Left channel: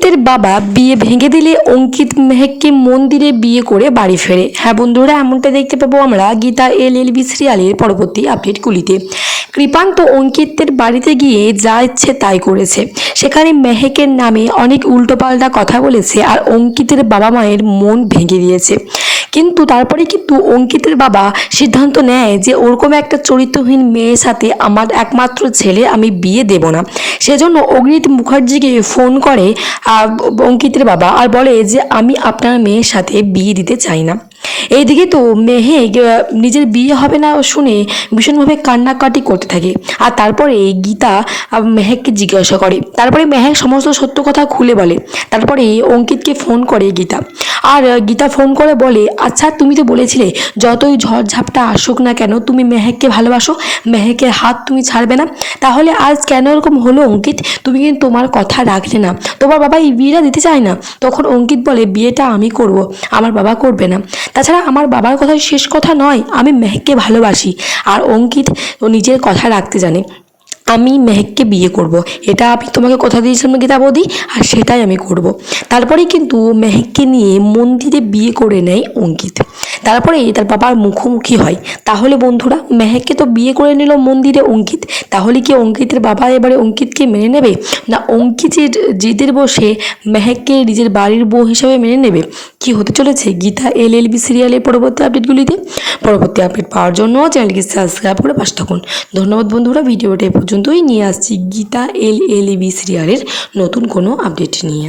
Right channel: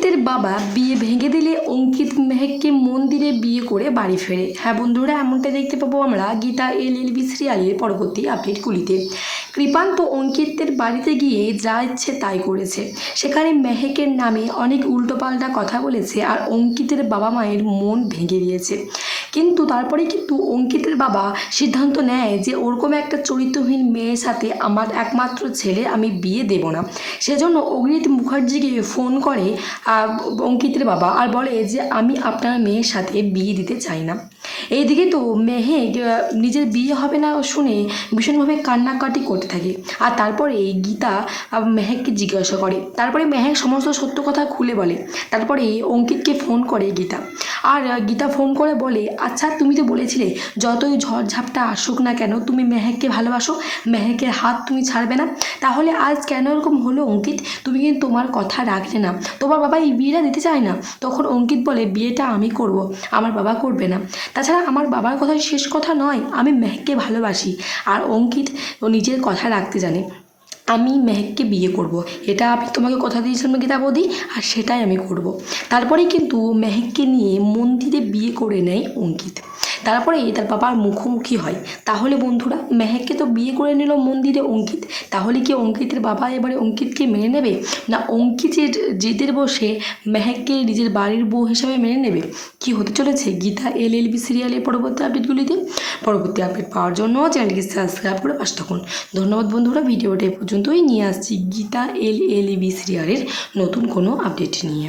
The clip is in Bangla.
অঙ্কিতের বাবা বিয়ে ভেঙে দিলে অঙ্কিত মেহেককে মন্দিরে বিয়ে করে বাড়ি ফেরে। হ্যাঁ বন্ধুরা, এমনটা দেখতে পাবো আমরা গীতা এল এল বি সিরিয়ালের পরবর্তী আপডেটগুলিতে কৃপান্ত অঙ্কিতের বাড়িতে গিয়ে যা ইচ্ছে তাই করেছে। সেখানে মেহেকের নামে অনেক উল্টোপাল্টা কথা বলেছে আর অঙ্কিতের বাবা মায়ের মন ভেঙে দিয়েছে। কিন্তু তারপরে কিন্তু অঙ্কিতের বাবা সিদ্ধান্ত নেয় যে ওরকম একটা চরিত্রহীন মেয়ের সাথে আমার একমাত্র ছেলে আমি বিয়ে দেব না। সেজন্য অগ্নিত মুখার্জিকে ফোন করে অঙ্কিতের বাবা আর বলে যে আমি আপনার মেয়ের সাথে বিয়ে দিতে চাই না। এইদিকে তো মেহেক নিজের বিয়ে হবে না শুনে ভীষণভাবে কান্নাকাটি করতে থাকে। আর তারপরে গীতা মেহেককে জিজ্ঞাসা করে। তারপরে মেহেক সমস্ত সত্য কথা খুলে বলে। তারপরে অঙ্কিতকে ফোন করে গীতা। আর গীতা ফোন করে বলে আচ্ছা তুমি তো বলেছিলে, যতই ঝড়ঝাপটা আসুক না কেন, তুমি মেহেককে ভালোবাসো। মেহেকের হাত তুমি ছাড়বে না। তাহলে আজ কেন এরকম হলো অঙ্কিত? তুমি কিন্তু তোমার কথা রাখলে না। তোমার বাবা এই বিয়েটা দিতে চায় না? তখন অঙ্কিত বলে, বিয়েটা আমি করব। আমার বাবা করবে না। তাছাড়া আমার বাবার কথা শেষ কথা নয়, আমি মেহেককে ভালোবাসি। আর অঙ্কিত ও নিজের কথা রাখতে জানে। আমি মেহেককে বিয়ে করব। এটা আমি তোমাকে কথা দিয়েছিলাম গীতা বৌদি? আর সেটাই আমি করব। তারপরে কিন্তু মেহেককে নিয়ে মন্দিরে বিয়ে করে নেয় অঙ্কিত। তারপরে তার বাবার মুখোমুখি হয়। তাহলে বন্ধুরা, মেহেককে তো বিয়ে করে নিল মন্দিরে অঙ্কিত। তাহলে কি অঙ্কিতের বাবা এবারে অঙ্কিতকে মেনে নেবে? না অঙ্কিতের জেদের বসে মেহেককে নিজের বাড়ির বউ হিসাবে মেনে নেবে? কি হতে চলেছে? গীতা এল এল বি সিরিয়ালের পরবর্তী আপডেটগুলিতে। পরবর্তী আপডেট পাওয়ার জন্য চ্যানেলকে সাবস্ক্রাইব করে পাশে থাকুন। ধন্যবাদ বন্ধুরা, ভিডিওটা এ পর্যন্তই নিয়ে আসছি গীতা এল এল বি সিরিয়ালের নতুন কোনো আপডেট নিয়ে।